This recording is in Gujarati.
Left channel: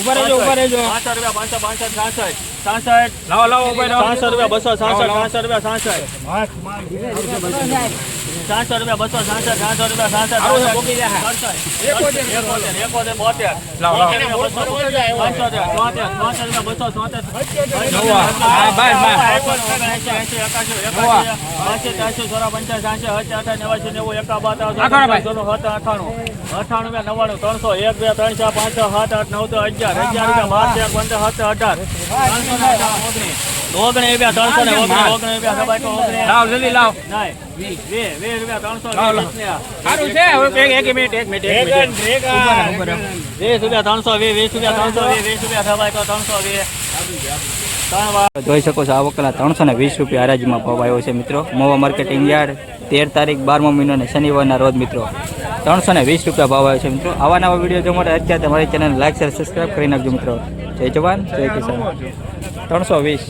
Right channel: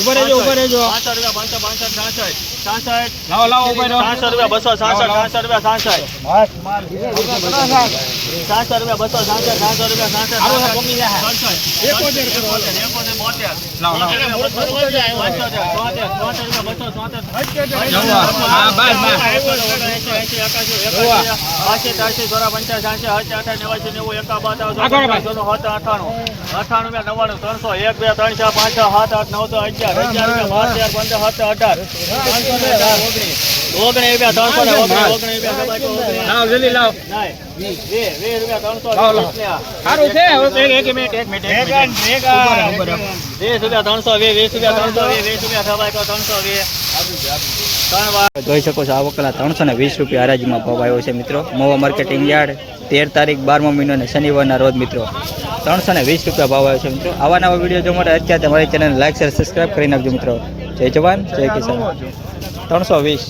ઉપર રહેજો ઉપર રહેજો. 66 લાવો લાવો ઉપર રહો. 66 રૂપિયા 266 66 રૂપિયા લાવો જલ્દી લાવો. સારું છે. એક મિનિટ જોઈ શકો છો આ વખતના 320 રૂપિયા હરાજીમાં ભાવ આવ્યો છે મિત્રો. મોવા માર્કેટિંગ યાર્ડ 13 તારીખ 12મો મહિનો અને શનિવારના રોજ મિત્રો 320 રૂપિયા ભાવ આવ્યો છે મિત્રો. આવા નવા વિડીયો જોવા માટે અત્યારે તમારી ચેનલ લાઈક શેર સબસ્ક્રાઈબ કરી નાખજો મિત્રો. જય જવાન જય કિસાન. 320.